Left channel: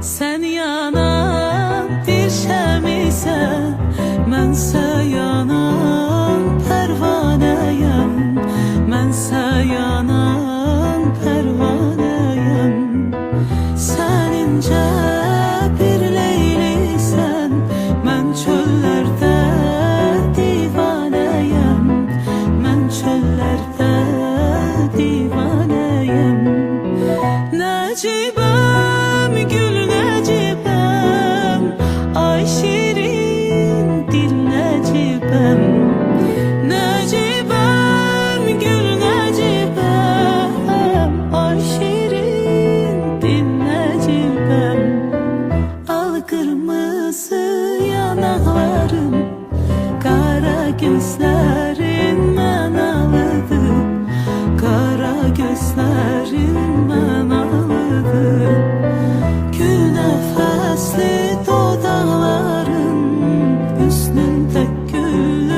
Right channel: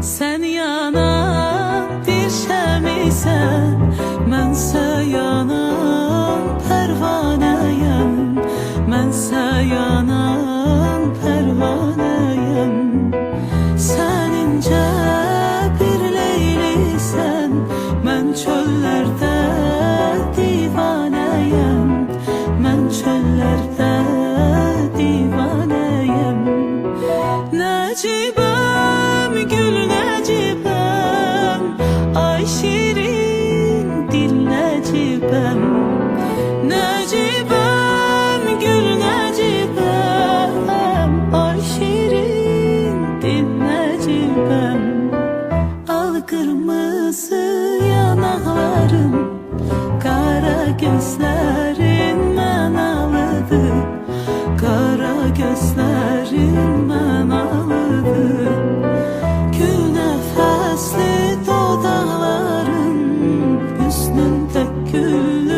Sen yanan bir şəmisən, mənsə yanan pərvanəyəm. Mənsə yanan pərvanəyəm. Sən incə bir leylisən, mən çöllərdə divanəyəm. Mən çöllərdə divanəyəm. Nəcibəm, gül nəcibəm, ay şirin dil nəcibəm. Nəcibəm, gül nəcibəm, ay şirin dil nəcibəm. Al qırmızı yanaqların, qara gözlərin mənalıdır. Qara gözlərin mənalıdır. Gül nəfəsli dodaqların, üstündə gül